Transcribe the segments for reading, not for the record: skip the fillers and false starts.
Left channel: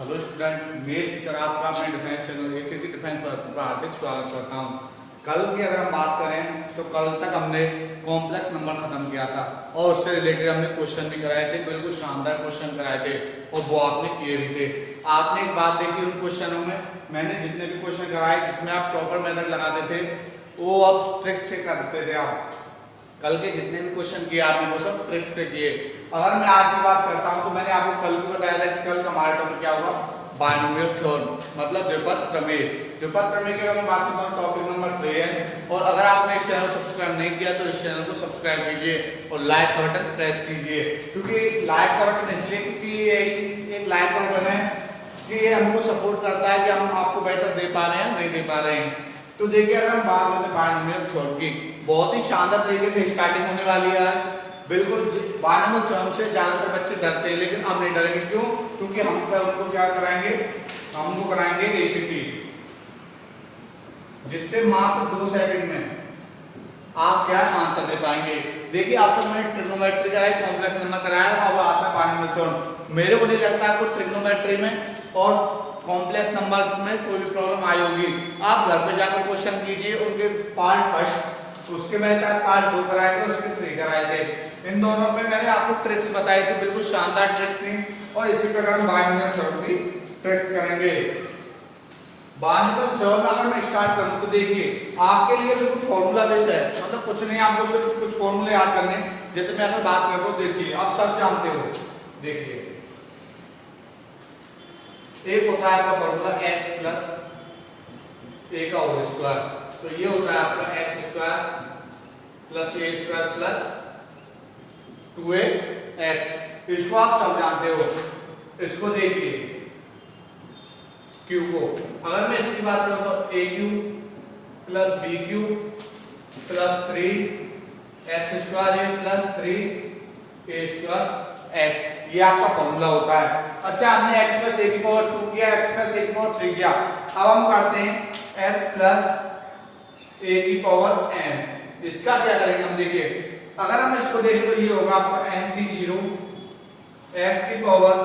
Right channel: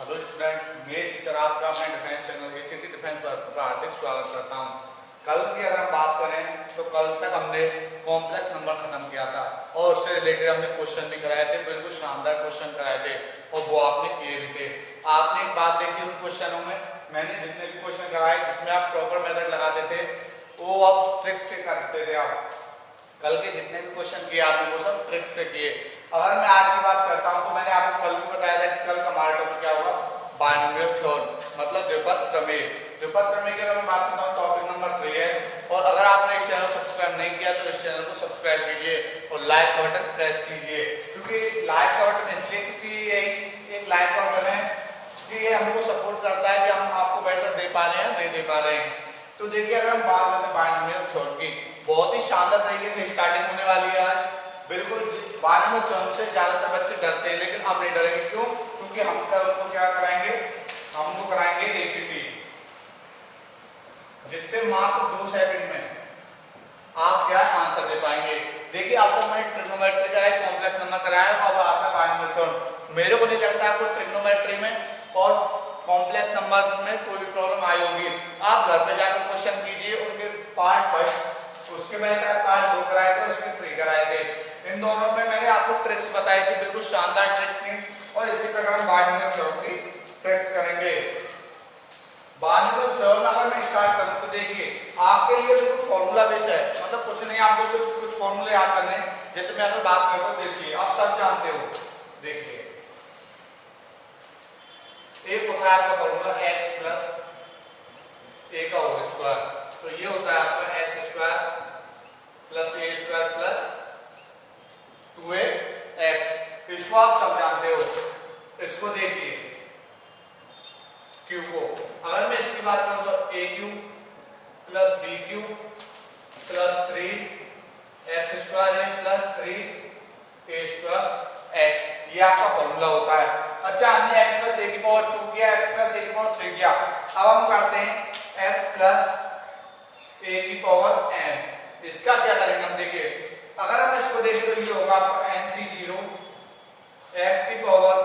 Hello student, मैं teacher आपका अपने डिफेंस चैनल एसीटी डिफेंस पर हार्दिक स्वागत करता हूं। कल की अगर हम बात करें तो कल तक हमने कॉम्प्लेक्स नंबर खत्म किया था और उससे रिलेटेड हमने क्वेश्चन भी कराए थे, बिल्कुल शानदार क्वेश्चन कराए थे और वो आपने किए भी थे। आपने एक बात देखी उन क्वेश्चनों में, मैंने जितने भी क्वेश्चन कराए जिसमें आप प्रॉपर मेथड लगाते थे वो आप ट्रिक्स से करते थे। आप कल के जितने भी क्वेश्चन किए आपने वो सब ट्रिक्स से किए। अगर मैं आज की बात करता हूं तो मैंने आपको कल भी बताया था कि कल का हमारा टॉपिक क्या होगा, बायनोमियल थ्योरम, मतलब द्विपद प्रमेय। द्विपद प्रमेय की अगर मैं बात करूं टॉपिक नंबर 3 है। और अगर आपने इस चैनल को सब्सक्राइब नहीं किया तो इस चैनल को सब्सक्राइब कीजिए और लाइक का बटन प्रेस कीजिए, क्योंकि लाइक का बटन इसलिए क्योंकि एक लाइक का बटन है कि ये हमको सपोर्ट करता है कि हम आपको बेटर दे पा रहे हैं नहीं दे पा रहे हैं। तो देखिए अगर हम बात करते हैं बायनोमियल थ्योरम की, बहुत ही शानदार तरीके से स्टार्टिंग होने वाली है आज। बिल्कुल बायनोमियल थ्योरम से ज्यादातर बच्चे डरते हैं, लेकिन अब नहीं डरेंगे। क्यों? क्योंकि हम उनको क्या कराएंगे, हमको कराएंगे एसीटी, जिससे मात्र 2 सेकंड में आप क्या आंसर दे पाएंगे। देखिए अब तक मैंने ट्रिग्नोमेट्री कराई, कॉम्प्लेक्स नंबर कराया, अब आता है बायनोमियल थ्योरम। मेरे को नहीं लगता आपको ट्रिग्नोमेट्री में और कॉम्प्लेक्स नंबर्स में कोई भी प्रॉब्लम आई होगी। आप घर पे जाकर क्वेश्चन कीजिए उनके पार्ट फर्स्ट, उसके मैंने शायद पार्ट 2 कराए थे, उसके 3 कराए थे। इन दोनों में मैंने आपको ट्रिक्स बताई थी, बिल्कुल शानदार ट्रिक्स थी। और इसी प्रकार हम बायनोमियल थ्योरम की ट्रिक्स करेंगे। बायनोमियल थ्योरम अगर मैं स्टार्ट करूं तो देखिए आपके लिए बिल्कुल फॉर्मूला बेस है, मतलब कुछ नहीं, आपको सिर्फ कुछ फॉर्मूले याद करने। जैसे मैं अगर बात करता हूं, देखिए आप सब जानते हो, देखिए एक होता है आपका फॉर्मूला x प्लस ए का होल स्क्वायर, तो ये होता है आपका एक्स स्क्वायर प्लस ए स्क्वायर प्लस 2x। इसको आप सब जानते हो। इसको देखिए q को, अगर मैं इसकी बात करूं तो a cube plus b cube plus 3x square a plus 3 a square x, ये आपका फॉर्मूला होता है। अच्छा, हमने x प्लस ए की पावर 2 किया, x प्लस ए की पावर 3 किया। अब हम करते हैं x प्लस ए की पावर n। इसका क्या करेंगे हम, देखिए अगर हम इसको देखें तो ये होगा आपका nc0 x की पावर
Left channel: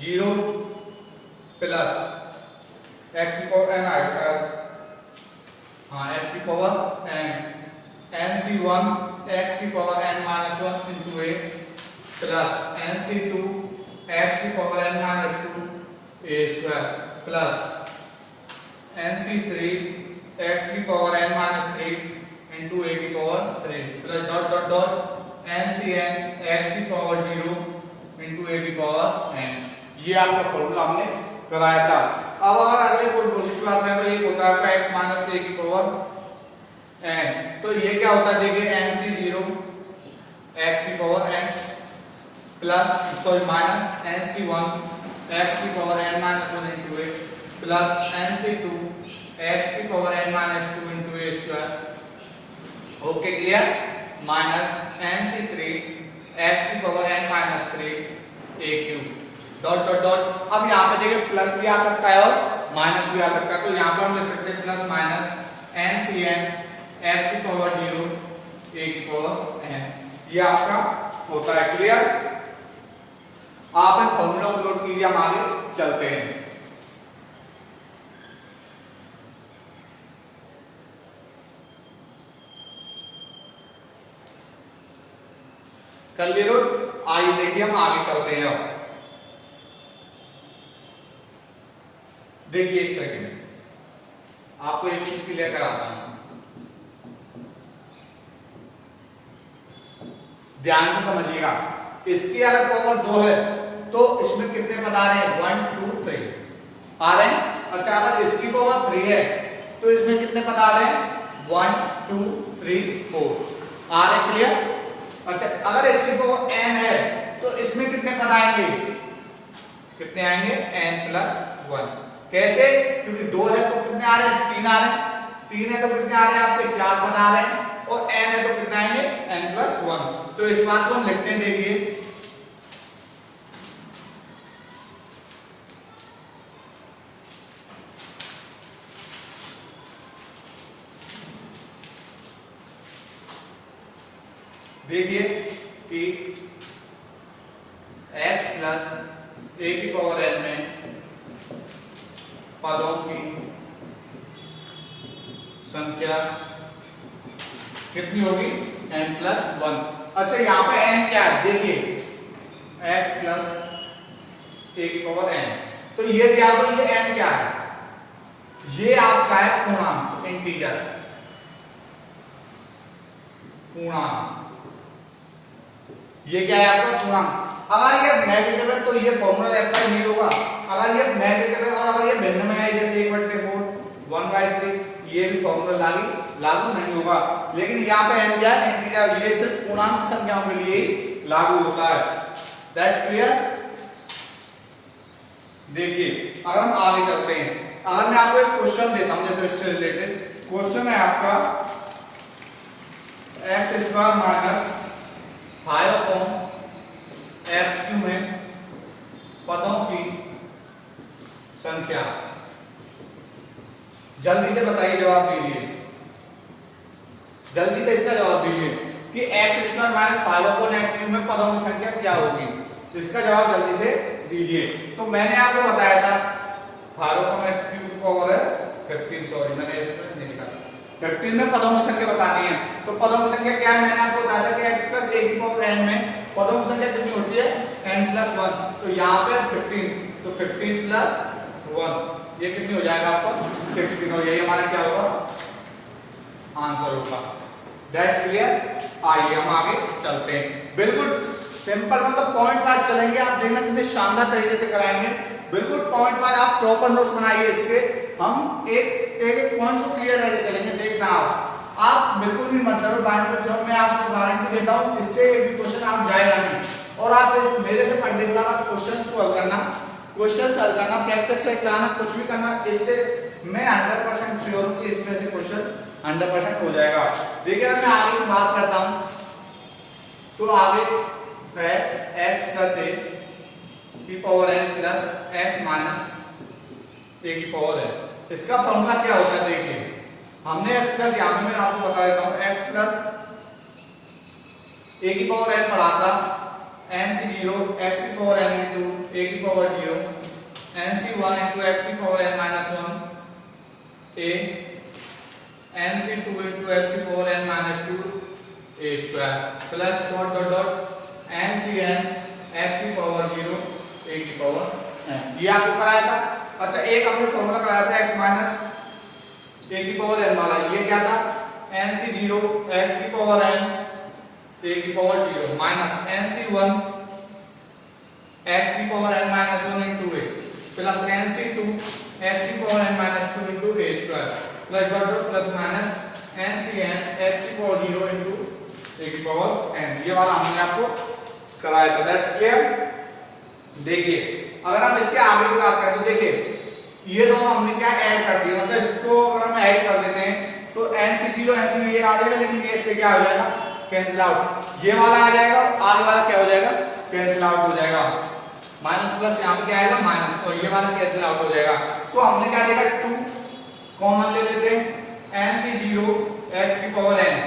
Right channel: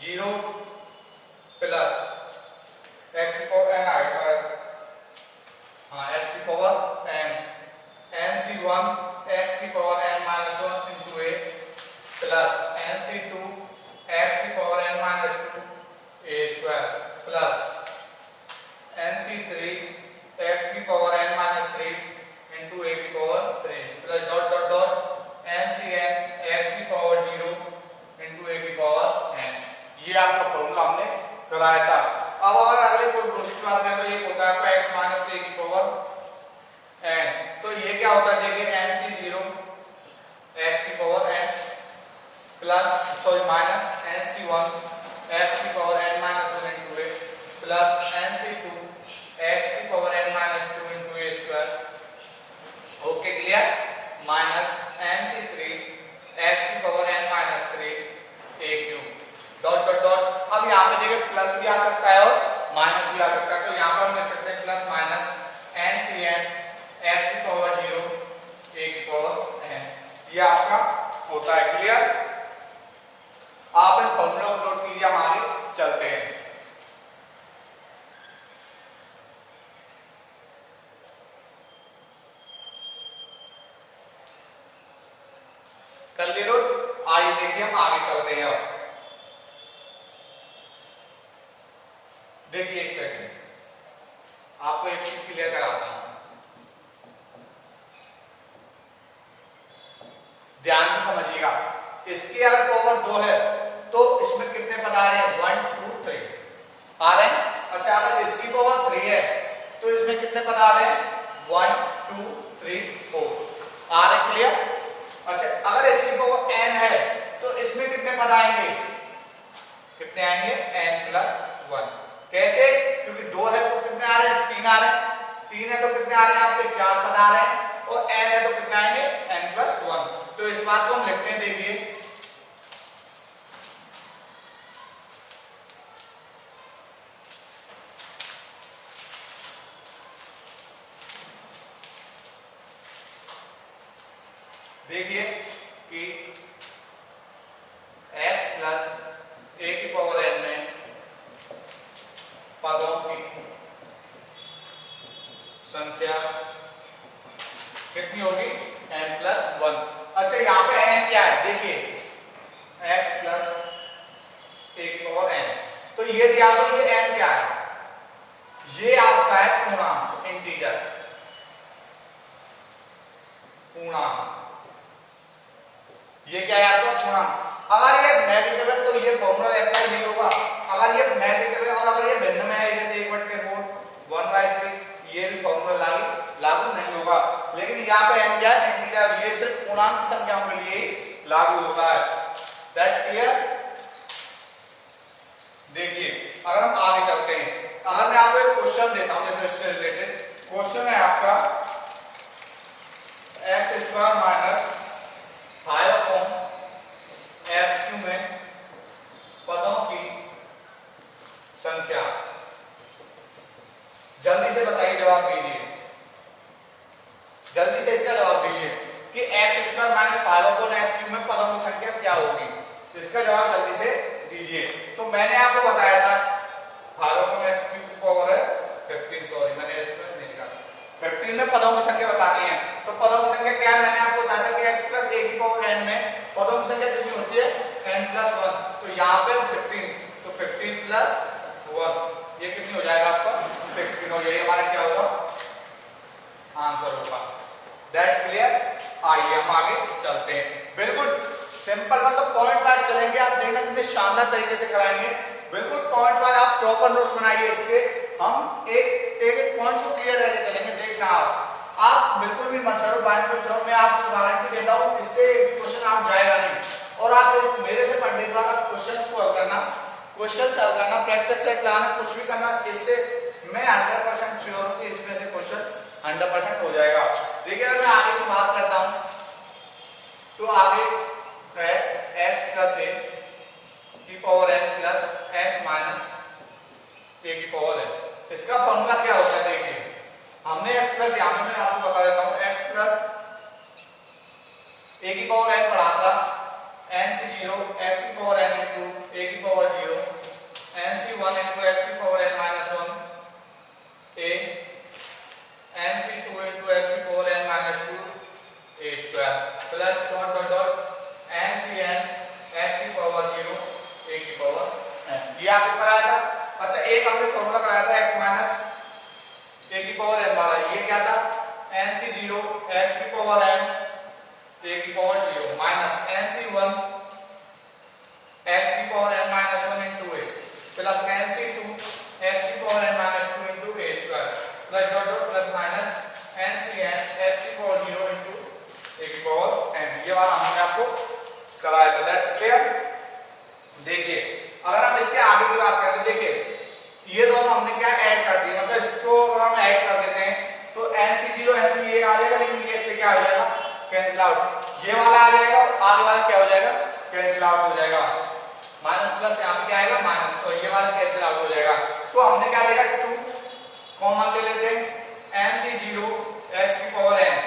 0 प्लस x की पावर n आएगा शायद, हाँ x की पावर n, nc1 x की power n minus 1 into a plus nc2 x की पावर n माइनस 2 ए स्क्वायर प्लस nc3 x की पावर n माइनस 3 इंटू ए की power 3 plus dot dot dot ncn x की power 0 into ए की power n। ये आपका formula हमने कराया था। अब अगर कोई दूसरी बात करें तो ये होता है x माइनस ए की पावर n, तो ये क्या होता है, देखिए nc0 x की power n plus minus nc1 x की power n minus 1 into a plus nc2 x की power n minus 2 into a square. Okay clear? Minus nc3 x की power n minus 3 a cube dot dot dot. अब यहाँ पे देखिए plus भी आ सकता है और माइनस भी आ सकता है, तो यहाँ पर हम लिख सकते हैं प्लस माइनस ncn x की पावर 0 a की पावर n। ये आपका होता है। क्लियर? आप इन फॉर्मूला को नोट कीजिए, हम आगे चलते हैं। कर लिए नोट? आइए देखिए हम आगे चलते हैं। अब देखिए एक सेकंड, आपको एक चीज क्लियर कराता हूं, ध्यान से समझिएगा। इसकी अगर पावर 2 है तो इसमें कितने पद आ रहे हैं, 1 2 3 आ रहे हैं। अच्छा, अगर इसकी पावर 3 है तो इसमें कितने पद आ रहे हैं, 1 2 3 4 आ रहे हैं। क्लियर? अच्छा, अगर इसकी पावर n है तो इसमें कितने पद आएंगे, कितने आएंगे, n प्लस 1। कैसे? क्योंकि 2 है तो कितने आ रहे हैं, 3 आ रहे हैं, 3 है तो कितने आ रहे हैं आपके, 4 पद आ रहे हैं, और n है तो कितने आएंगे, n प्लस 1। तो इस बात को हम लिखते हैं, देखिए देखिए कि x प्लस ए की पावर n में पदों की संख्या कितनी होगी? n+1। अच्छा यहाँ पे n क्या है देखिए, x प्लस ए की पावर n। तो ये दिया तो ये n क्या है? ये आपका है पूर्णांक, इंटीजर पूर्णांक। ये क्या है आपका? पूर्णांक। अगर ये नेगेटिव है तो ये फॉर्मूला अप्लाई नहीं होगा। अगर ये नेगेटिव है और अगर ये भिन्न में है जैसे 1/4 1/3, ये भी फॉर्मूला लागू नहीं होगा। लेकिन यहाँ पे हो जाए इंटीजर, ये सिर्फ पूर्णांक संख्याओं के लिए लागू होता है। That's clear. देखिए अगर हम आगे चलते हैं, अगर मैं आपको एक क्वेश्चन देता हूं जैसे इससे रिलेटेड क्वेश्चन है आपका x² माइनस 5/x³ में पदों की संख्या। जल्दी से बताइए, जवाब दीजिए, जल्दी से इसका जवाब दीजिए कि x² माइनस 5/x³ में पदों की संख्या क्या होगी। तो इसका जवाब जल्दी से दीजिए। तो मैंने आपको बताया था 5/x³ की पावर है 15, सॉरी मैंने इसमें नहीं लिखा, 15 में पदों की संख्या बतानी है। तो पदों की संख्या क्या है? मैंने आपको बताया था कि x प्लस a की पावर n में पदों की संख्या कितनी होती है? n+1। तो यहाँ पे 15, तो 15 + 1 ये कितनी हो जाएगा आपका? 16 हो जाएगी। हमारा क्या होगा? आंसर होगा। That's clear. आइए हम आगे चलते हैं। बिल्कुल सिंपल, मतलब पॉइंट वाइज चलेंगे। आप देखना कितने शानदार तरीके से कराएंगे। बिल्कुल पॉइंट वाइज आप प्रॉपर नोट्स बनाइए इसके। हम एक पॉइंट को क्लियर करके चलेंगे। देखना आप बिल्कुल भी मत करो बाइंड। मैं आपको गारंटी देता हूं इससे एक भी क्वेश्चन आप जाएगा नहीं। और आप इस मेरे से पढ़ने के बाद आप क्वेश्चन सॉल्व करना, प्रैक्टिस सेट लगाना, कुछ भी करना, इससे मैं 100% श्योर हूं कि इसमें से क्वेश्चन 100% हो जाएगा। देखिए अगर मैं आगे की बात करता हूं तो आगे है x प्लस a की power n plus x minus a की पावर n। इसका फॉर्मूला क्या होता है? देखिए हमने x प्लस, यहां पे मैं आपको बता देता हूं, x प्लस a की पावर n पढ़ा था, n/0 x की पावर n इंटू a की पावर 0, n/1 इंटू x की power n minus 1 a, n/2 into x की power n minus 2 a square plus dot dot dot n/n x की power 0 a की power n। ये आपको कराया था। अच्छा एक हमने फॉर्मूला कराया था x माइनस a की पावर n वाला। ये क्या था? n/0 x की पावर n a की पावर 0 माइनस n/1 x की power n minus 1 into a plus n/2 x की power n minus 2 into a square plus dot dot plus minus n/n x की power 0 into a की power n। ये वाला हमने आपको कराया था। That's clear. देखिए अगर हम इसके आगे की बात करें तो देखिए ये दोनों हमने क्या ऐड कर दिया, मतलब इसको अगर हम ऐड कर देते हैं तो n/0 n/0 ये आ जाएगा, लेकिन ये इससे क्या हो जाएगा? Cancel out. ये वाला आ जाएगा, आगे वाला क्या हो जाएगा? कैंसिल आउट हो जाएगा। माइनस प्लस यहाँ पे क्या आएगा? माइनस, और ये वाला कैंसिल आउट हो जाएगा। तो हमने क्या देखा? 2 कॉमन ले लेते हैं, n/0 x की power n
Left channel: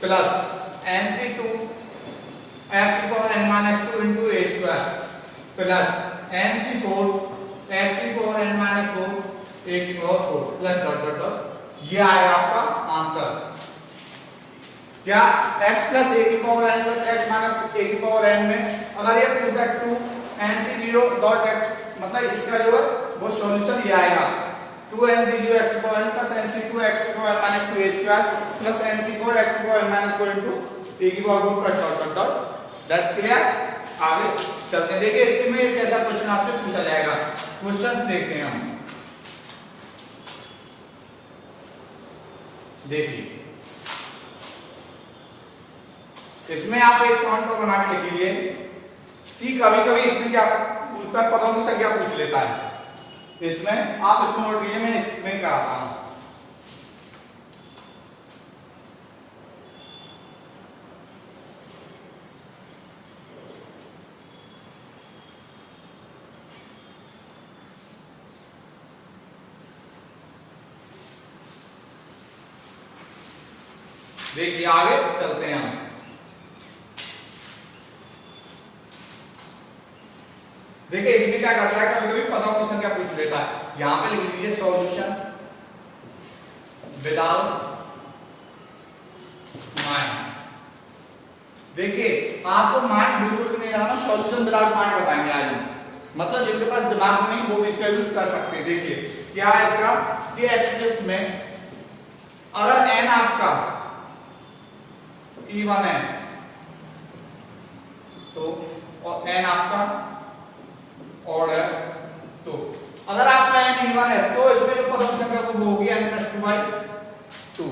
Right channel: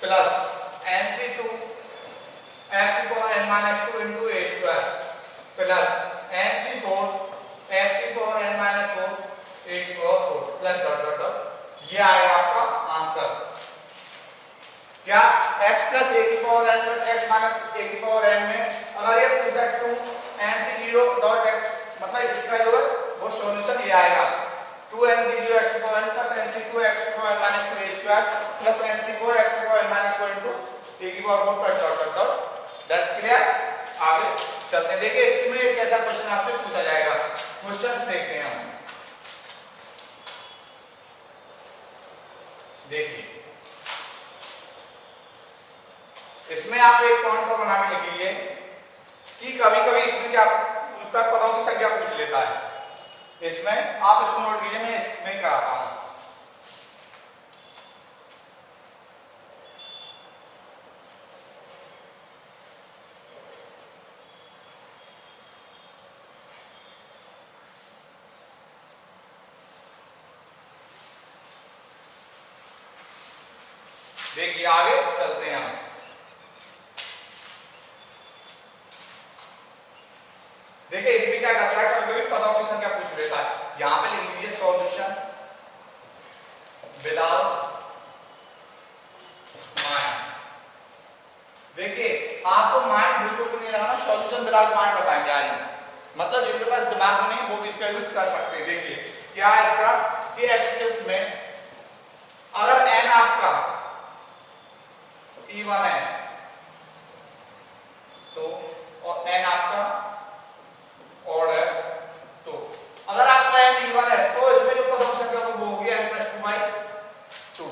plus n/2 x की power n minus 2 into a square plus n/4 x की पावर n माइनस 4 a की power 4 plus dot dot dot. ये आएगा आपका आंसर। क्या? x प्लस a की power n plus x minus a की power n में अगर ये पूछता है 2 n/0 डॉट x, मतलब इसका जो है वो सॉल्यूशन ये आएगा 2 n/0 x की power n plus n/2 x की power n minus 2 a square plus n/4 x की power n minus 4 into a की power 4 plus dot dot dot. That's clear. आगे चलते हैं। देखिए इसमें एक ऐसा क्वेश्चन आपसे पूछा जाएगा। क्वेश्चन देखते हैं हम। देखिए इसमें आप एक पॉइंट बना के लिखिए कि कभी कभी इसमें क्या पूछता है? पदों की संख्या पूछ लेता है। इसमें आप इसको नोट कीजिए, मैं इसमें कराता हूं। देखिए आगे चलते हैं हम। देखिए इसमें क्या करता है, कभी कभी पदों की संख्या पूछ लेता है। यहां पे लिख लीजिए सॉल्यूशन विदाउट माइंड। देखिए आपको माइंड बिल्कुल भी नहीं लगाना, सॉल्यूशन विदाउट माइंड बताएंगे आज हम। मतलब जिनके पास दिमाग नहीं वो भी इसका यूज कर सकते हैं। देखिए क्या है इसका, कि एक्स में अगर n आपका E1 है तो, और n आपका ऑड है तो, अगर आपका n E1 है तो इसमें जो पदों की संख्या वो होगी n+2/2,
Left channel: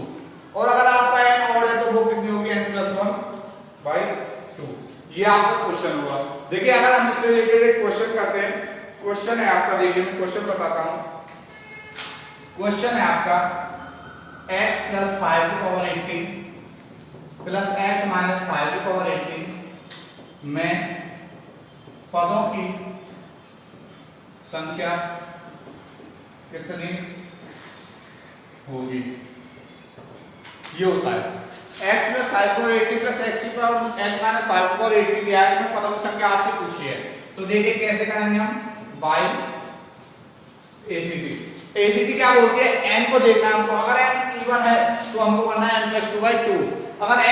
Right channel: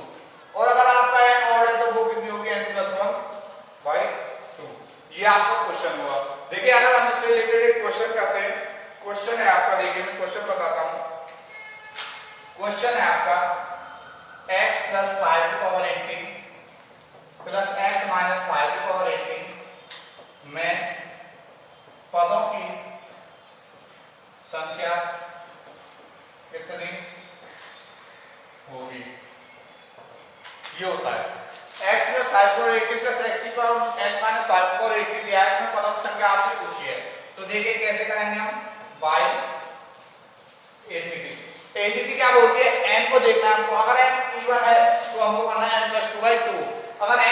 और अगर आपका n ऑड है तो वो कितनी होगी n+1/2। ये आपका क्वेश्चन हुआ। देखिए अगर हम इससे रिलेटेड एक क्वेश्चन करते हैं, क्वेश्चन है आपका, देखिए मैं क्वेश्चन बताता हूं। क्वेश्चन है आपका x + 5^18 + x - 5^18 में पदों की संख्या कितनी होगी। ये होता है x + 5^18 + x - 5^18 दिया है, इसमें पदों की संख्या आपसे पूछी है। तो देखिए कैसे करेंगे हम, बाय ACT। ACT क्या बोलते हैं, n को देखना है हमको। अगर n E1 है तो हमको करना है n+2/2, अगर n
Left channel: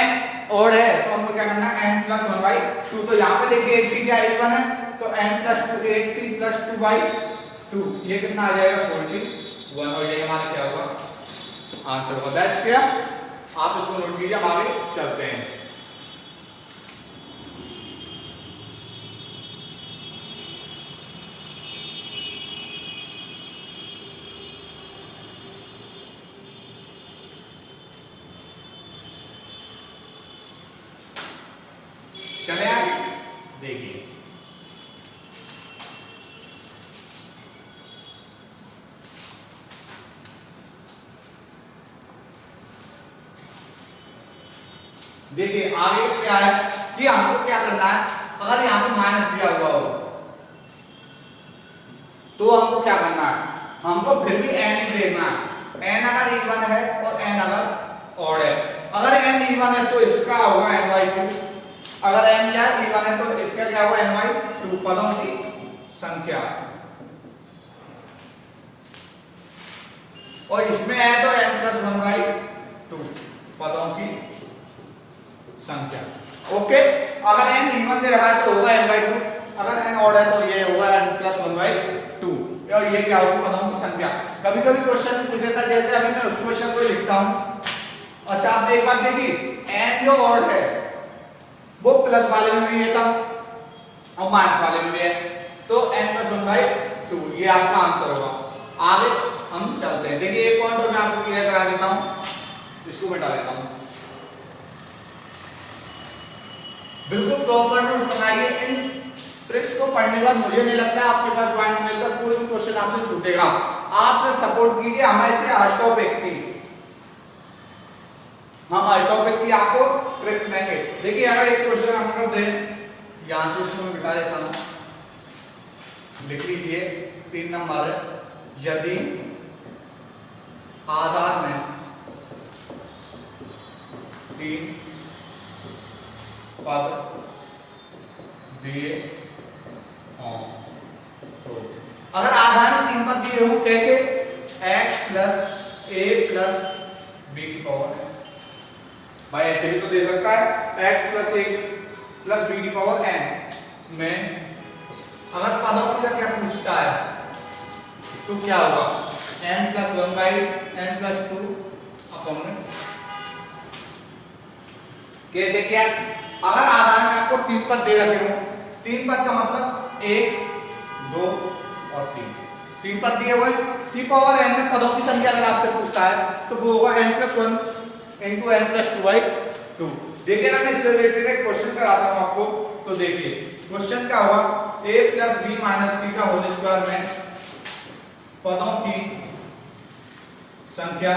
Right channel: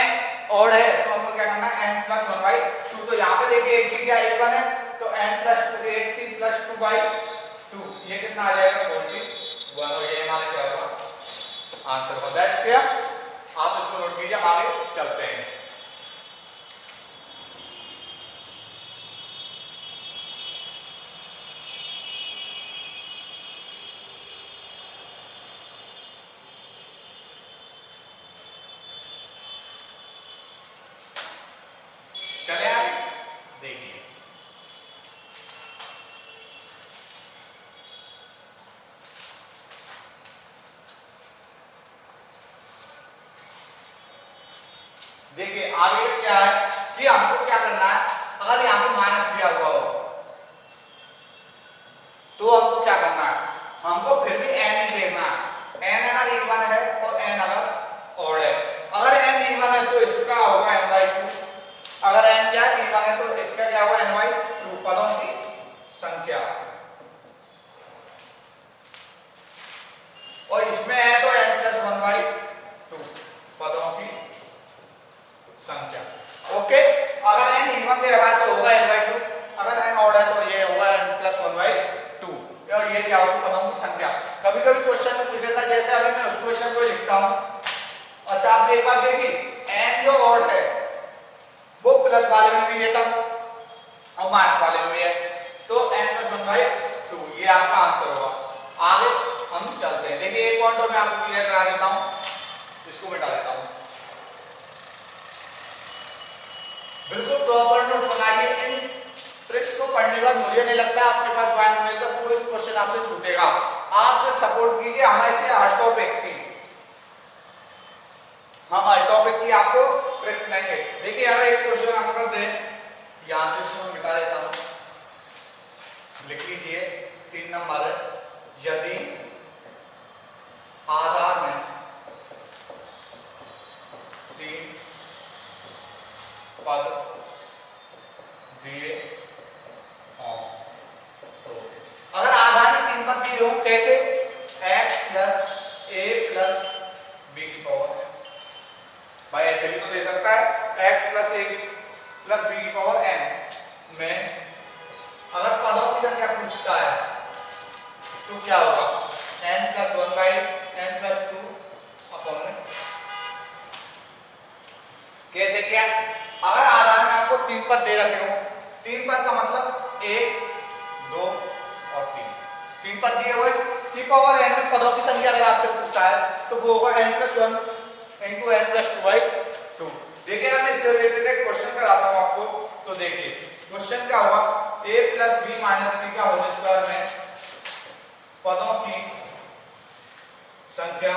ऑड है तो हमको क्या करना है n+1/2। तो यहाँ पे देखिए एक चीज क्या E1 है तो n+2 + 2/2, ये कितना आ जाएगा 41, और ये हमारा क्या होगा आंसर होगा। दैट्स क्लियर, आप इसको नोट कीजिए, हम आगे चलते हैं। चले आगे देखिए, देखिए आगे क्या है कि हमको क्या करना है। अगर यहाँ पे माइनस दिया हुआ हो तो हमको क्या करना है, हमको फिर भी n ही देखना है। n अगर E1 है और n अगर ऑड है, अगर n E1 है तो इसका होगा n/2, अगर n क्या E1 है तो इसका क्या होगा n/2 पदों की संख्या, और इसमें है तो n+1/2 पदों की संख्या। ओके, अगर n E1 दे रहा है तो होगा n/2, अगर n ऑड है तो ये होगा n+1/2, और ये क्या होगी पदों की संख्या। कभी कभी क्वेश्चन में पूछ लेता है, जैसे अभी मैं उस क्वेश्चन को लिखता हूं। अच्छा आप एक बात देखिए, n जो ऑड है वो प्लस वाले में भी है था और माइनस वाले में भी है, तो n+1/2 ये आपका आंसर होगा। आगे हम चलते हैं। देखिए एक पॉइंट और मैं आपको क्लियर करा देता हूं, इसको मिटा देता हूं। बिल्कुल प्रॉपर नोट्स बनाइए। इन ट्रिक्स को पढ़ने के बाद मुझे नहीं लगता आपके पास पॉइंट मिलकर कोई भी क्वेश्चन आपसे छूटेगा। आप सिर्फ सपोर्ट कीजिए हमारे से हर टॉपिक की, हम हर टॉपिक की आपको ट्रिक्स देंगे। देखिए अगर एक क्वेश्चन हम करते हैं, यहां से इसको मिटा देता हूं, लिख लीजिए 3 नंबर, यदि आधार में 3 पद दिए हों, तो अगर आधार में 3 पद दिए हों कैसे, x + a + b की पावर n, भाई ऐसे भी तो दे सकता है x + a + b की पावर n में अगर पदों की संख्या पूछता है तो क्या होगा n+1/n+2 अपॉन में। कैसे क्या, अगर आधार में आपको 3 पद दे रखे हो, 3 पद का मतलब 1 2 और 3 पद दिए हुए, 3 में पदों की संख्या अगर आपसे पूछता है तो वो होगा n+1 × n+2/2। देखिए ना मैं इससे रिलेटेड एक क्वेश्चन कराता हूं आपको, तो देखिए क्वेश्चन क्या होगा, a + b - c का होल स्क्वायर में पदों की संख्या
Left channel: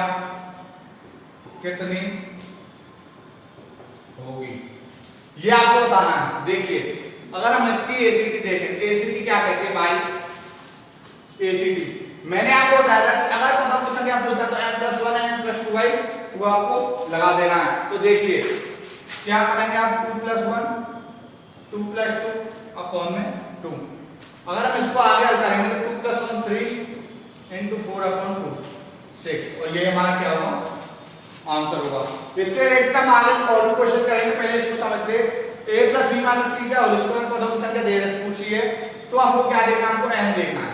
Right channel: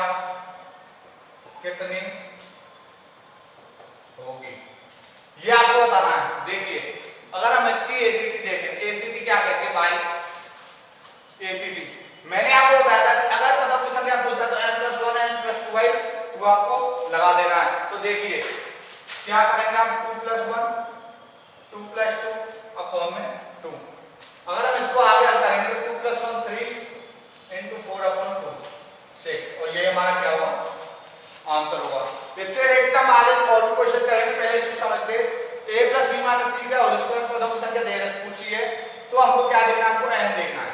कितनी होगी, ये आपको बताना है। देखिए अगर हम इसकी ACT देखें, ACT क्या कहते हैं भाई, ACT मैंने आपको बताया था कि अगर पदों की संख्या पूछता तो n+1 n+2/2 आपको लगा देना है। तो देखिए क्या करेंगे आप, 2 + 1 2 + 2 अपॉन में 2, अगर हम इसको आगे हल करेंगे तो 2 + 1 3 × 4/2 6 और ये हमारा क्या होगा आंसर होगा। इससे एकदम आगे और भी क्वेश्चन करेंगे, पहले इसको समझते। a + b - c का होल स्क्वायर पदों की संख्या दे पूछी है तो हमको क्या देना, हमको n देखना है।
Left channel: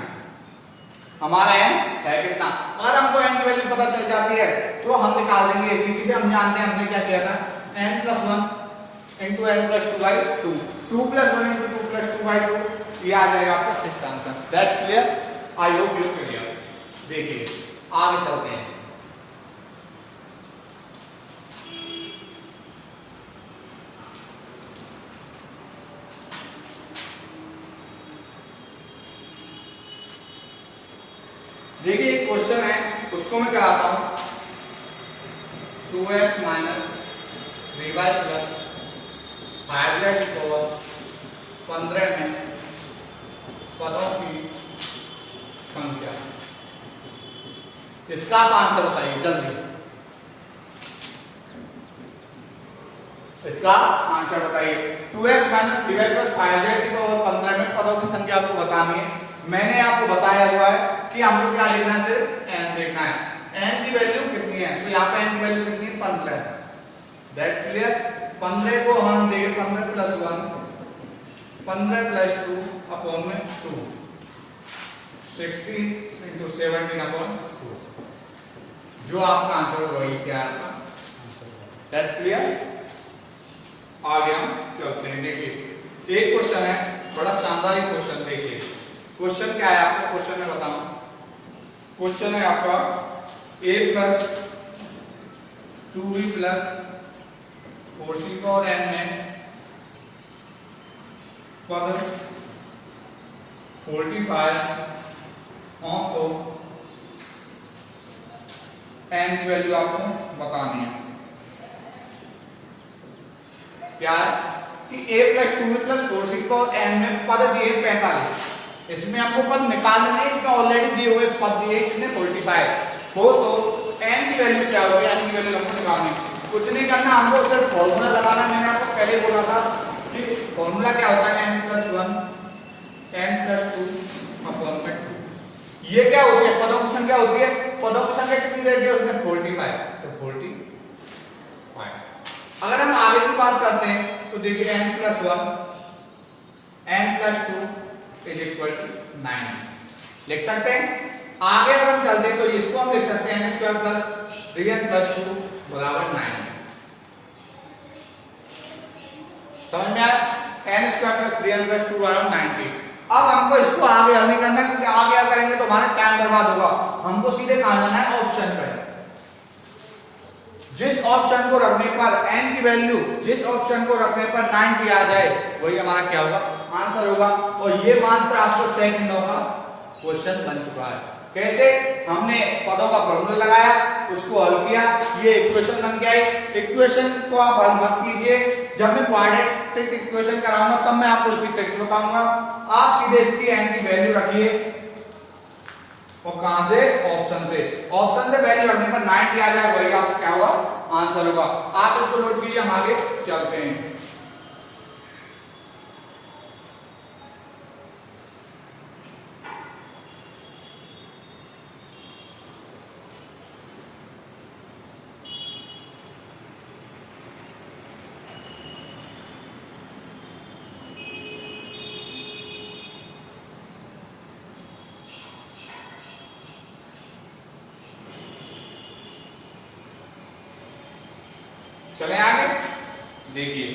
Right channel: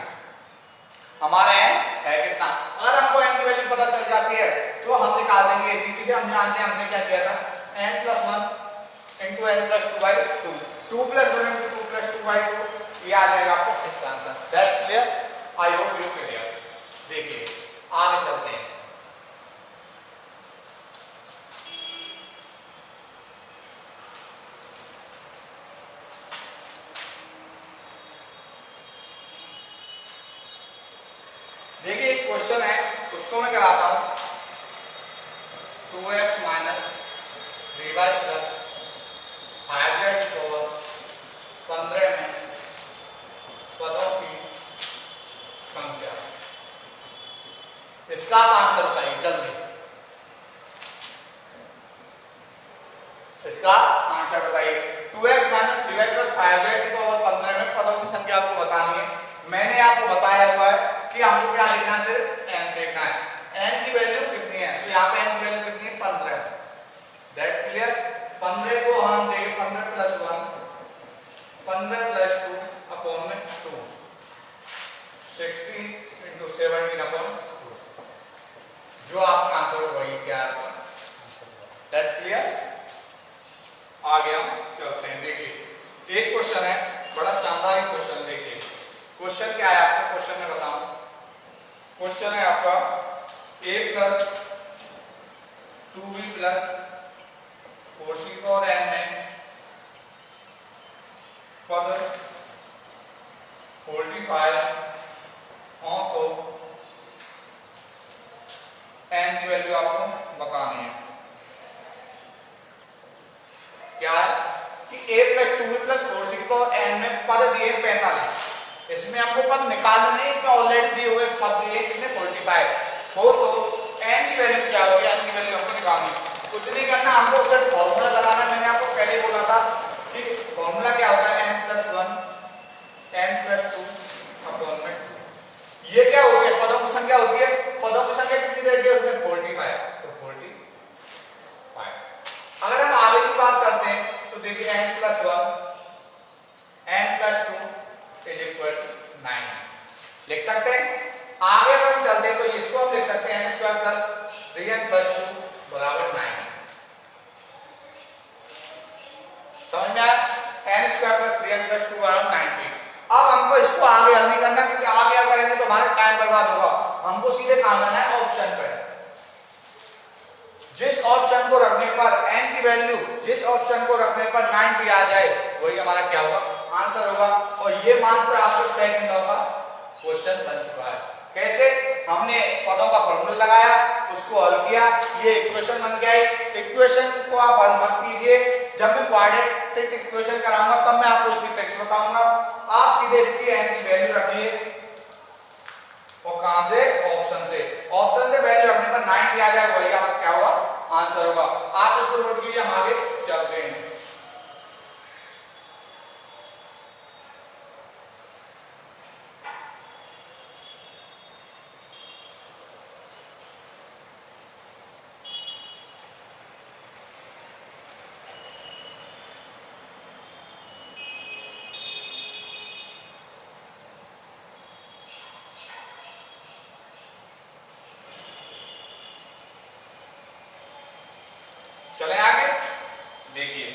हमारा n है कितना, अगर हमको n की वैल्यू पता चल जाती है तो हम निकाल देंगे इसी चीज से। हम जानते हैं हमने क्या किया था, n + 1 × n + 2/2 2 + 1 × 2 + 2/2 ये आ जाएगा आपका 6 answer. That's clear, I hope you clear. देखिए आगे चलते हैं। देखिए एक क्वेश्चन है उसको मैं कराता हूं। 2x - 3y + 5z = 15 में पदों की संख्या, इसका आप आंसर बताइए जल्दी। इसका आंसर बताइए। 2x - 3y + 5z = 15 में पदों की संख्या आपको बतानी है। मैंने आपको बताया हुआ है कि हमको क्या देखना है, सिर्फ n देखना है। n की वैल्यू कितनी है, तो यहाँ पे n की वैल्यू कितनी है 15। That's clear. 15 को हम देंगे 15 + 1 15 + 2/2 16 × 17/2 जो आपका आंसर होगा वही क्या आपका आंसर होगा। That's clear. आगे हम चलते हैं। देखिए एक क्वेश्चन है, बड़ा शानदार एक क्वेश्चन। देखिए क्वेश्चन क्या है आपको, क्वेश्चन में बताऊं। क्वेश्चन है आपका a + 2b + 4c/n में पद 45 हो तो n की वैल्यू आपको बतानी है। क्या है कि a + 2b + 4c/n में पद दिए 45, इसमें हमको पद निकालना नहीं, इसमें ऑलरेडी दिए हुए पद दिए कितने 45 हो तो n की वैल्यू क्या होगी, n की वैल्यू हमको निकालनी है। कुछ नहीं करना, हमको सिर्फ फॉर्मूला लगाना। मैंने आपको पहले बोला था कि फॉर्मूला क्या होता है, n + 1 n + 2/2। ये क्या होती है, पदों की संख्या होती है। पदों की संख्या कितनी दे दी है उसने 45, तो 45। अगर हम आगे की बात करते हैं तो देखिए n + 1 n + 2 = 9 लिख सकते हैं। आगे अगर हम चलते हैं तो इसको हम लिख सकते हैं n² + 3n + 2 = 9। समझ में आया, n² + 3n + 2 = 90। अब हमको इसको आगे हल नहीं करना, क्योंकि आगे क्या करेंगे तो हमारा टाइम बर्बाद होगा। हमको सीधे कहां जाना है, ऑप्शन पे। जिस ऑप्शन को रखने पर n की वैल्यू, जिस ऑप्शन को रखने पर 90 आ जाए वही हमारा क्या होगा, आंसर होगा। और ये मात्र आपको सेकंडों का क्वेश्चन बन चुका है। कैसे, हमने पदों का फॉर्मूला लगाया, उसको हल किया, ये इक्वेशन बन गया है। इक्वेशन को आप हल मत कीजिए, जब मैं क्वाड्रेटिक इक्वेशन कराऊंगा तब मैं आपको उसकी ट्रिक्स बताऊंगा। आप सीधे इसकी n की वैल्यू रखिए और कहां से, ऑप्शन से। ऑप्शन से वैल्यू रखने पर 90 आ जाए वही आपका क्या होगा, आंसर होगा। आप इसको नोट कीजिए, हम आगे चलते हैं। चले आगे, देखिए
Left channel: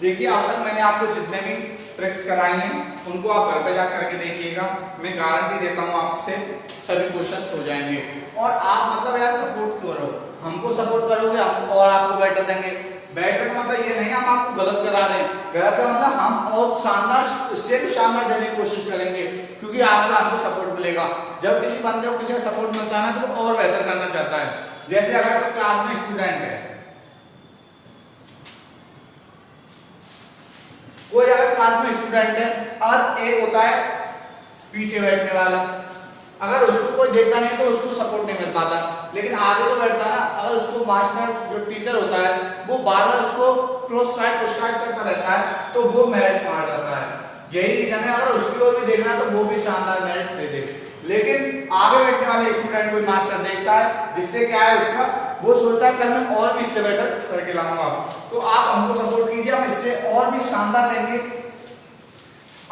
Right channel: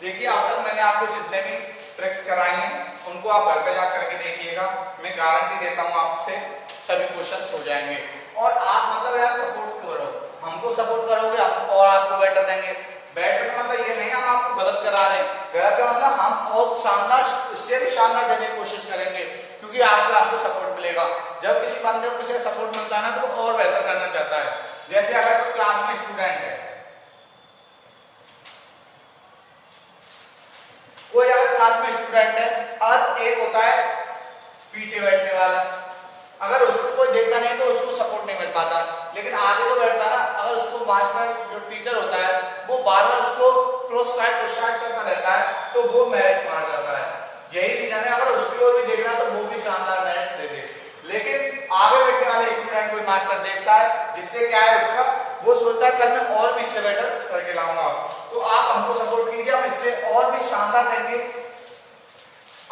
देखिए अब तक मैंने आपको जितने भी ट्रिक्स कराई हैं उनको आप घर पे जाकर करके देखिएगा। मैं गारंटी देता हूँ आपसे सभी क्वेश्चंस हो जाएंगे। और आप मतलब यार सपोर्ट करो, हमको सपोर्ट करोगे हम और आपको बेटर देंगे। बेटर का मतलब ये नहीं हम आपको गलत करा रहे हैं, गलत का मतलब हम और शानदार, इससे भी शानदार देने की कोशिश करेंगे, क्योंकि आपको आपको सपोर्ट मिलेगा। जब किसी बंदे को किसी सपोर्ट मिलता है ना तो वो और बेहतर करना चाहता है। जैसे अगर कोई क्लास में स्टूडेंट है, कोई अगर क्लास में स्टूडेंट है और एक होता है पीछे बैठने वाला, अगर उसको कोई देखता नहीं तो उसको सपोर्ट नहीं मिल पाता, लेकिन आगे जो बैठता है ना, अगर उसको मास्टर जो टीचर होता है वो बार बार उसको प्रोत्साहित करता रहता है तो वो मेरिट मार जाता है। यही रीजन है, अगर उसकी ओर भी देखना तो वो भी शानदार मेरिट दे दे, लेकिन आगे बैठने वाले स्टूडेंट कोई मास्टर देखता है, जिससे क्या है उसका वो सोचता है कल मैं और किससे बेटर करके लाऊंगा। तो आप हमको सपोर्ट कीजिए, हम इससे और भी शानदार देंगे,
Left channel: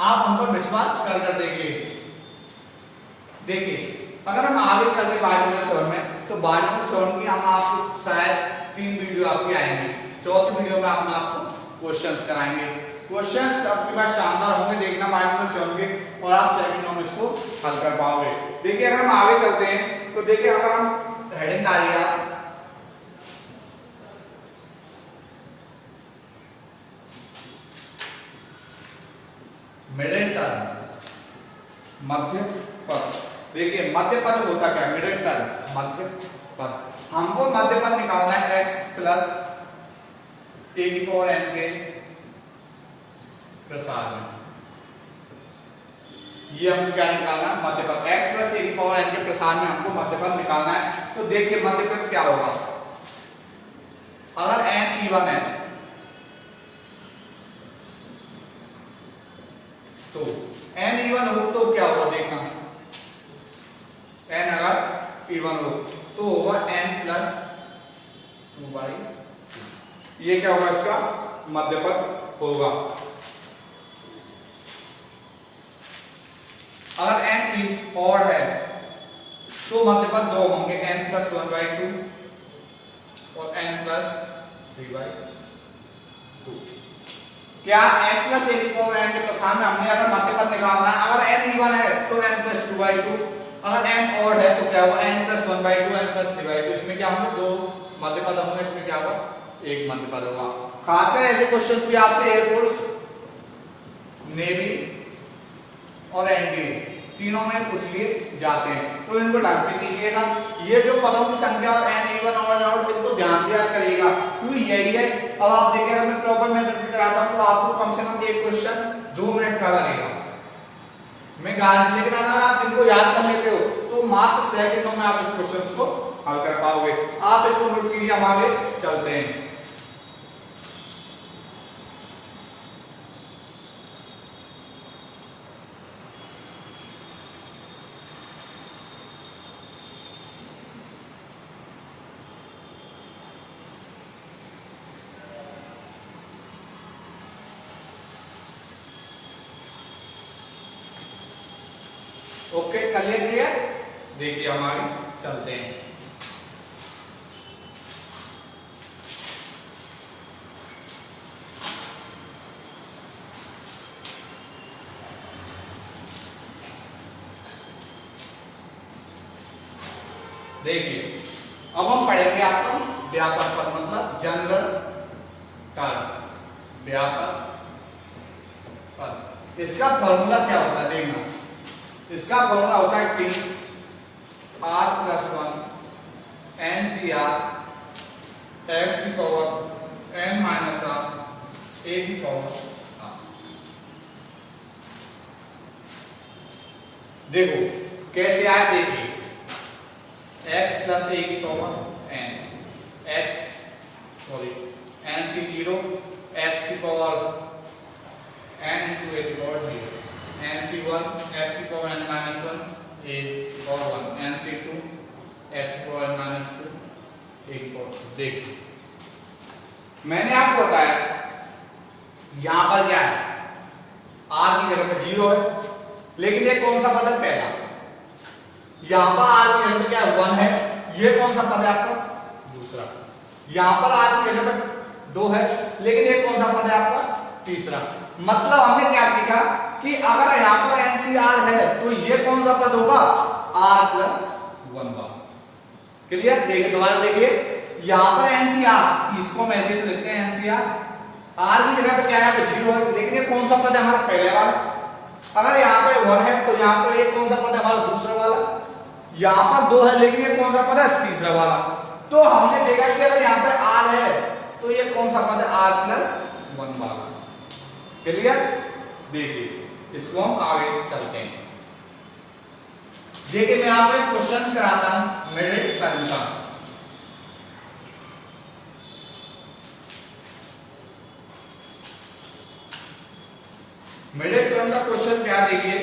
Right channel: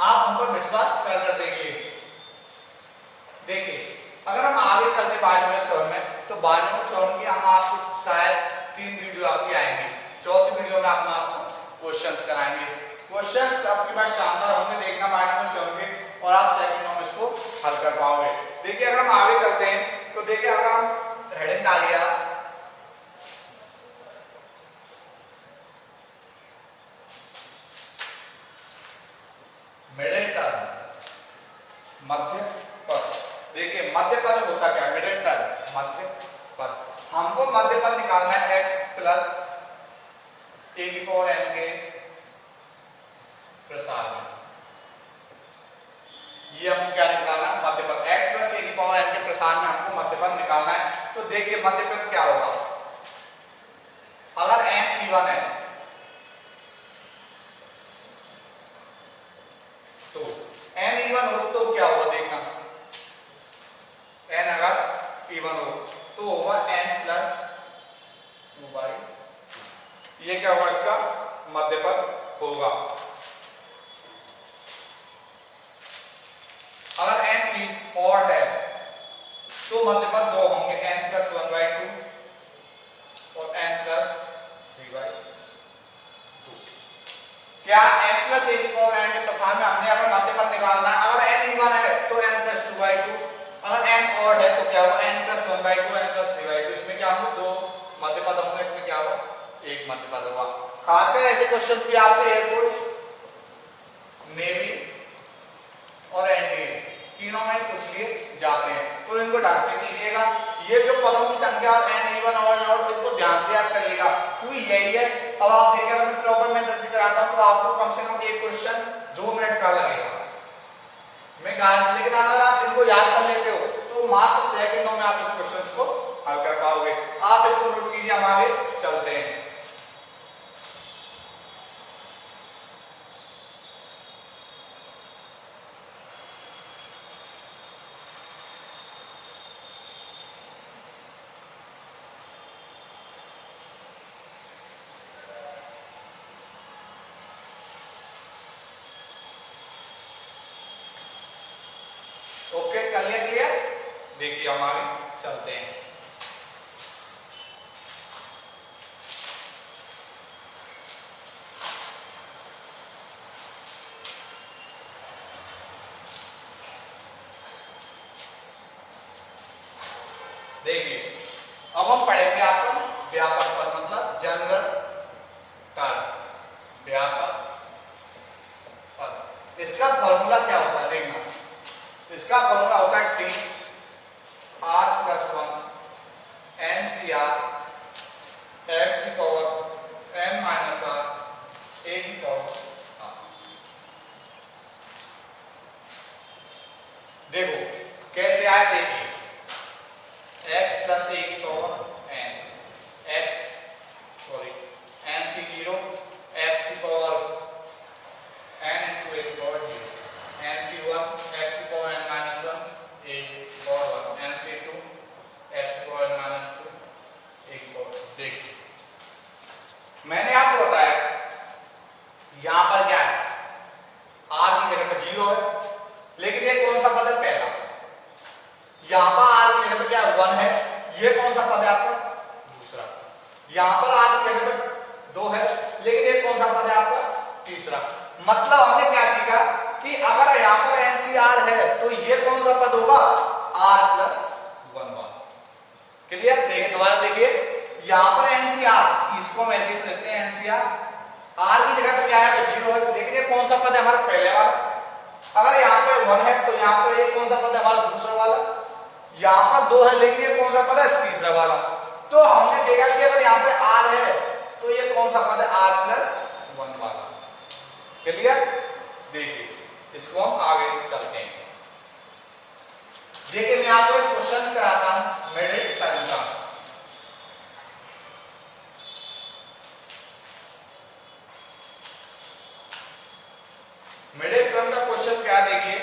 आप हम पर विश्वास कर देंगे। देखिए अगर हम आगे चलते बायोलॉजी चरण में, तो बायोलॉजी चरण की हम आपको शायद 3 वीडियो आपकी आएंगे, चौथी वीडियो में हम आपको क्वेश्चंस कराएंगे। क्वेश्चंस आपके पास शानदार होंगे, देखना बायोलॉजी चरण के, और आप सेकंड में इसको हल कर पाओगे। देखिए अगर हम आगे चलते हैं तो देखिए अगर हम हेडिंग डालिए आप, मिडिल टर्म, मध्य पद। देखिए मध्य पद होता क्या है, मिडिल टर्म मध्य पद। हमको मध्य पद निकालना है x प्लस a की पावर n के प्रसार में, ये हमको क्या निकालना है, मध्य पद। x प्लस a की पावर n के प्रसार में हमको मध्य पद निकालना है। तो देखिए मध्य पद क्या होगा, अगर n इवन है तो n इवन हो तो क्या होगा, देखना n अगर इवन हो तो होगा n प्लस 2/2, ये क्या होगा, इसका मध्य पद होगा। अगर n और है तो मध्य पद 2 होंगे, n प्लस 1/2 और n प्लस 3/2। क्या x प्लस a की पावर n के प्रसार में हमने अगर मध्य पद निकालना है, अगर n इवन है तो n प्लस 2/2, अगर n ऑड है तो क्या होगा, n प्लस 1/2 n प्लस 3/2। इसमें क्या होंगे, 2 मध्य पद होंगे, इसमें क्या होगा, एक मध्य पद होगा। खासकर ऐसे क्वेश्चन भी आपसे एयरफोर्स, नेवी और एनडीए तीनों में पूछ लिए जाते हैं, तो इनको ढंग से कीजिएगा। ये जो पदों की संख्या और n इवन और ऑड, इनको ध्यान से याद करिएगा, क्योंकि यही है। अब आप देखिए अगर मैं प्रॉपर मेथड से कराता हूं तो आपको कम से कम एक क्वेश्चन 2 मिनट का लगेगा, मैं गारंटी। लेकिन अगर आप इनको याद कर लेते हो तो मात्र सेकंडों में आप इस क्वेश्चन को हल कर पाओगे। आप इसको नोट कीजिए, हम आगे चलते हैं। Okay clear? देखिए हम आगे चलते हैं। देखिए अब हम पढ़ेंगे आपको व्यापक पद, मतलब जनरल टर्म, व्यापक पद। इसका फॉर्मूला क्या होता है, देखना। इसका फॉर्मूला होता है T R+1 NCR x की power n minus r a की पावर r। देखो कैसे आया, देखिए x प्लस a की पावर n, NC0 x की पावर n into a की पावर 0, NC1 x की पावर n माइनस 1 a की पावर 1, NC2 x की पावर n माइनस 2 a की पावर 2। देखिए मैंने आपको बताया यहां पर क्या है, r की जगह पर 0 है, लेकिन ये कौन सा पद है, पहला। यहां पर r की जगह पर क्या 1 है, ये कौन सा पद है आपका, दूसरा। यहां पर r की जगह पर 2 है, लेकिन ये कौन सा पद है आपका, तीसरा। मतलब हमने क्या सीखा कि अगर यहां पर NCR है तो ये कौन सा पद होगा, R+1 बार। क्लियर? देखिए दोबारा देखिए, यहाँ पर एनसीआर, इसको हम ऐसे ही लिखते हैं एनसीआर, आर की जगह पे क्या है 0 है, लेकिन ये कौन सा पद है हमारा पहले वाला, अगर यहाँ पे 1 है तो यहाँ पर एक कौन सा पद है हमारा दूसरा वाला, यहाँ पर 2 है लेकिन ये कौन सा पद है तीसरा वाला। तो हमने देखा कि अगर यहाँ पे आर है तो ये कौन सा पद है r+1 वाला। क्लियर? देखिए इसको हम आगे चलते हैं। देखिए मैं आपको एक क्वेश्चन कराता हूं मिडिल टर्म का। मिडिल टर्म का क्वेश्चन क्या, देखिए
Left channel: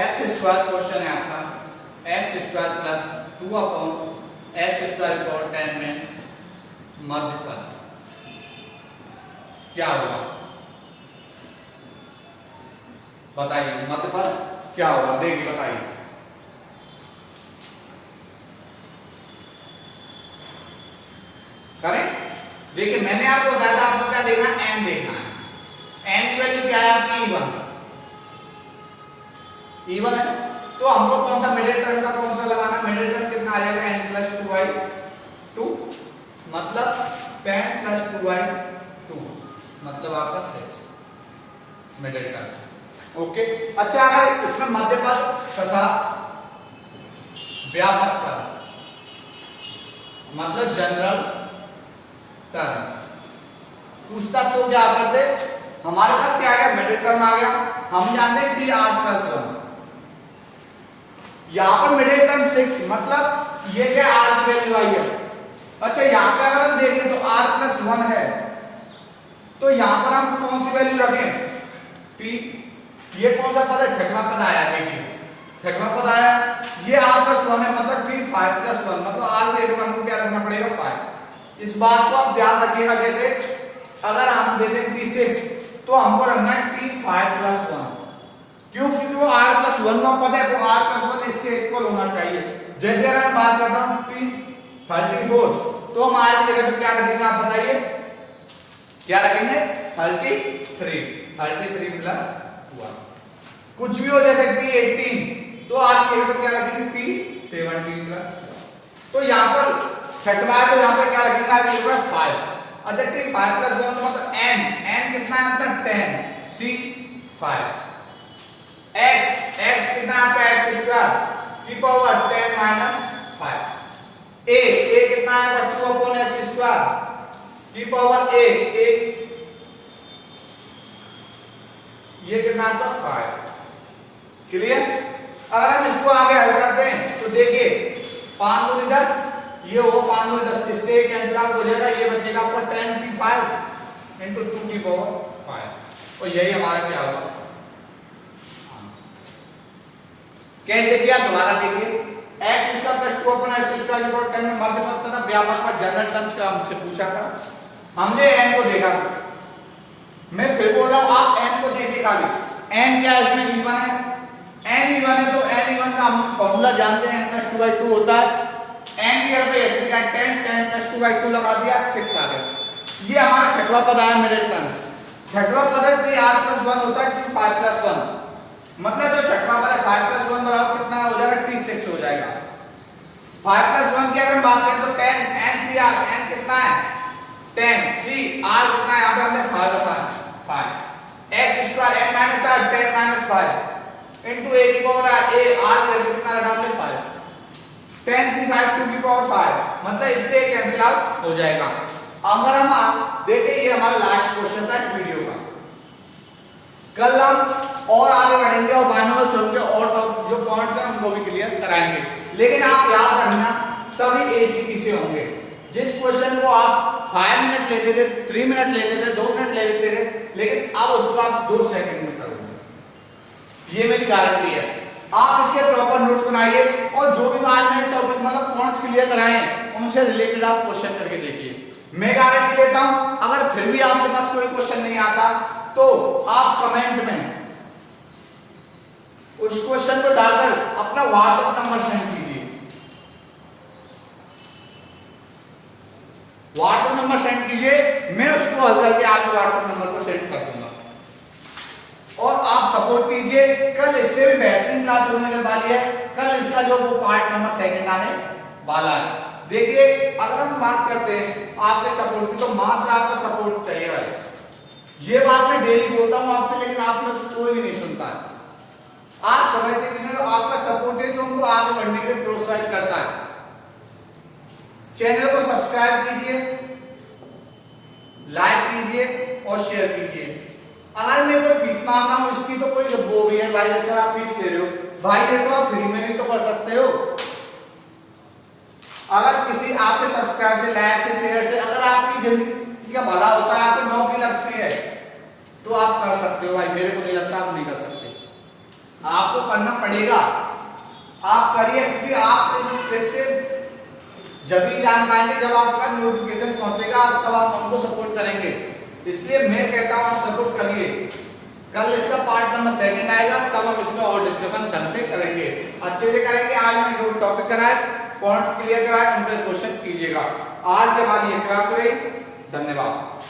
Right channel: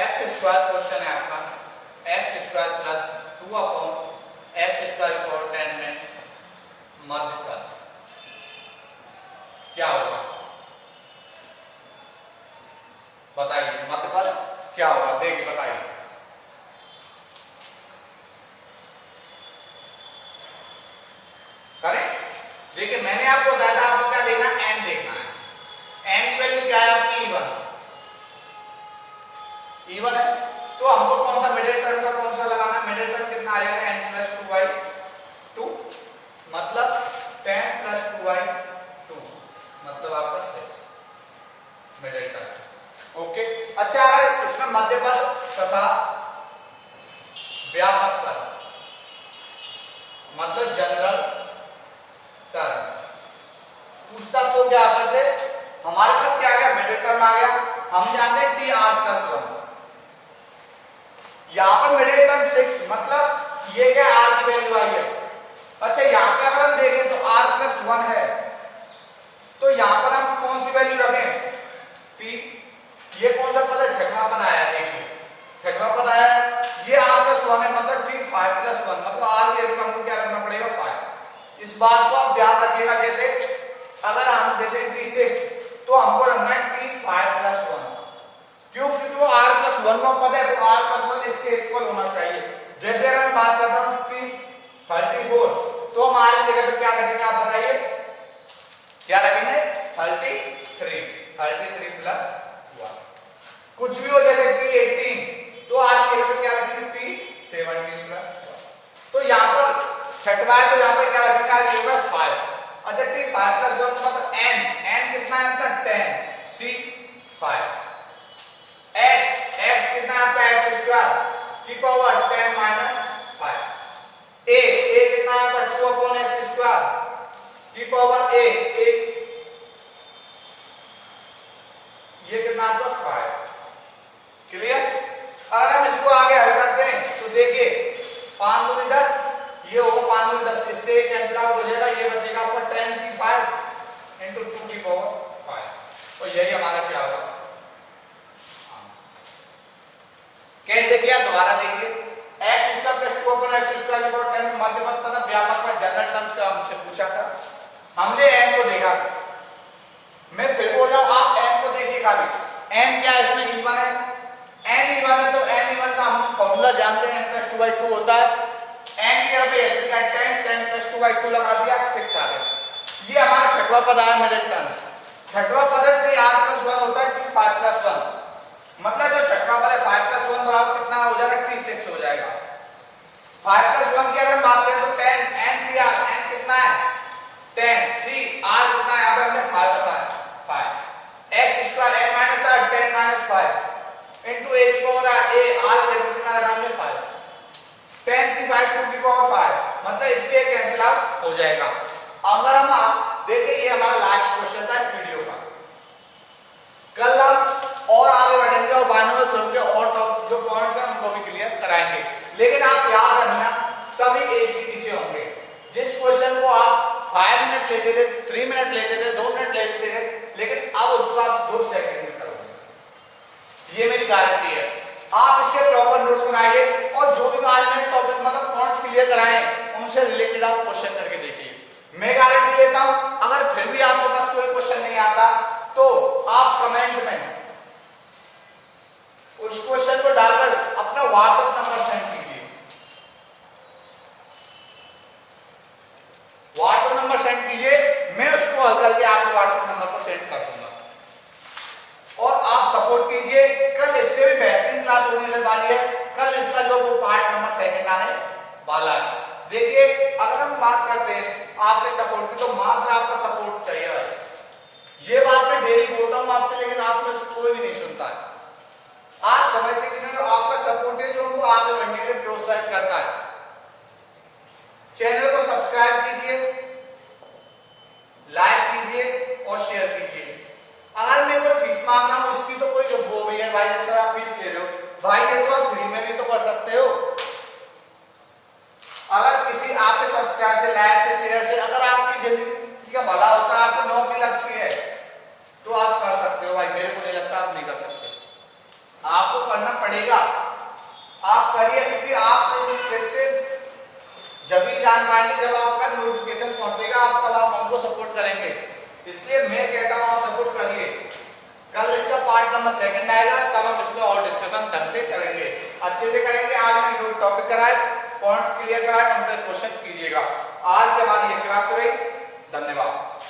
x² क्वेश्चन है आपका, x² प्लस 2/x² 10 में मध्य पद क्या होगा, बताइए मध्य पद क्या होगा, देखिए बताइए। करें, देखिए मैंने आपको बताया था आपको क्या देखना है, n देखना है। n की वैल्यू क्या है आपकी e1 है, तो हमको कौन सा मिडिल टर्म का कौन सा लगाना है, मिडिल टर्म कितना आ जाएगा n+2y2 मतलब 10+2y2 मतलब आपका 6 मिडिल टर्म। ओके, अच्छा अगर इसमें मध्य पद तथा व्यापक पद मतलब जनरल टर्म पूछता तो क्या करते, हमारे पास क्या आ गया मिडिल टर्म आ गया, हम जानते हैं tr+1, यहां पर मिडिल टर्म 6 मतलब ये क्या r की वैल्यू आई है। अच्छा यहां पर अगर हम देखें तो r+1 है तो यहां पर हम कौन सी वैल्यू रखें t, ये कौन सा पद है, छठवां पद आया, देखिए छठवां पद आया, ये r+1 है मतलब t 5+1 मतलब r की जगह हमको क्या करना पड़ेगा 5। इस बात को आप ध्यान रखिएगा, जैसे अगर हम देते हैं t6 तो हमको रखना है t5+1, क्यों, क्योंकि वो r+1 में पद है, वो r+1 इसके इक्वल होना चाहिए। जैसे अगर मैं बात करता हूं t34 तो हम r की जगह पे क्या रखेंगे, आप बताइए क्या रखेंगे 33+1, कुछ भी हो जैसे t18 तो r की जगह पे क्या रखेंगे t17+1, तो यहां पर छठवा है तो यहां पे क्या रखेंगे r की जगह 5। अच्छा t5+1 मतलब n कितना है आपका 10, c 5, x कितना है आपका x² की पावर 10 - 5, a कितना है आपका 2/x² की पावर a ये कितना आपका 5। क्लियर? अगर हम इसको आगे हल करते हैं तो देखिए 5 दूनी 10, ये होगा 5 दूनी 10, इससे कैंसिल आउट हो जाएगा, ये बचेगा आपका 10c5 × 2 की पावर 5 और यही हमारा क्या होगा। कैसे किया दोबारा देखिए, x² + 2/x² 10 में मध्य पद तथा व्यापक पद जनरल टर्म्स का हमसे पूछा था, हमने n को देखा, मैं फिर बोल रहा हूं आप n को देखिए खाली, n क्या है इसमें e1 है, n e1 है तो n e1 का हम फॉर्मूला जानते हैं n+2/2 होता है, n की जगह पे ऐसे का 10+2/2 लगा दिया 6 आ गया। ये हमारा छठवां पद आया मिडिल टर्म, छठवां पद है r+1 होता है t5+1 मतलब जो छठवां पद है 5+1 बराबर कितना हो जाएगा t6 हो जाएगा। 5+1 की अगर बात करें तो 10 ncr n कितना है 10, c r कितना है, यहां पे हमने 5 रखा है 5, x² n - r 10 - 5 into a की पावर a r कितना रखा हमने 5, 10c5 2 की पावर 5 मतलब इससे कैंसिल आउट हो जाएगा। अगर हम देखिए ये हमारा लास्ट क्वेश्चन था इस वीडियो का, कल हम और आगे बढ़ेंगे और बाइनोमियल थ्योरम के और जो पॉइंट्स हैं उनको भी क्लियर कराएंगे, लेकिन आप याद रखना सभी एसीटी से होंगे। जिस क्वेश्चन को आप 5 मिनट लेते थे, 3 मिनट लेते थे, 2 मिनट लेते थे, लेकिन अब उसको आप 2 सेकंड में करोगे, ये मेरी गारंटी है। आप इसके प्रॉपर नोट्स बनाइए और जो भी आज मैंने टॉपिक मतलब पॉइंट्स क्लियर कराए उनसे रिलेटेड आप क्वेश्चन करके देखिए। मैं गारंटी लेता हूं अगर फिर भी आपके पास कोई क्वेश्चन नहीं आता तो आप कमेंट में उस क्वेश्चन को डालकर अपना व्हाट्सएप नंबर सेंड कीजिए, व्हाट्सएप नंबर सेंड कीजिए, मैं उसको हल करके आपके व्हाट्सएप नंबर को सेंड कर दूंगा और आप सपोर्ट कीजिए। कल इससे भी बेहतरीन क्लास होने वाली है, कल इसका जो वो पार्ट नंबर 2 आने वाला है। देखिए अगर हम बात करते हैं आपके सपोर्ट की, तो मात्र आपका सपोर्ट चाहिए भाई। ये बात मैं डेली बोलता हूं आपसे, लेकिन आप में से कोई नहीं सुनता है। आप समझते कि नहीं, आपका सपोर्ट है जो हमको आगे बढ़ने के लिए प्रोत्साहित करता है। चैनल को सब्सक्राइब कीजिए, लाइक कीजिए और शेयर कीजिए। अगर मैं कोई फीस मांग रहा हूं इसकी तो कोई वो भी है भाई, जैसे आप फीस ले रहे हो भाई, ये तो आप फ्री में भी तो कर सकते हो। अगर किसी आपके सब्सक्राइब से, लाइक से, शेयर से अगर आपकी जिंदगी का भला होता है, आपको नौकरी लगती है, तो आप कर सकते हो भाई। मेरे को नहीं लगता आप नहीं कर सकते, आपको करना पड़ेगा। आप करिए, क्योंकि आप जैसे जब भी जान पाएंगे जब आपका नोटिफिकेशन पहुंचेगा, तब आप हमको सपोर्ट करेंगे। इसलिए मैं कहता हूं आप सपोर्ट करिए। कल इसका पार्ट नंबर 2 आएगा, तब हम इसमें और डिस्कशन ढंग से करेंगे, अच्छे से करेंगे। आज मैंने जो टॉपिक कराए, पॉइंट्स क्लियर कराए, उन पर क्वेश्चन कीजिएगा। आज हमारी ये क्लास रही। धन्यवाद।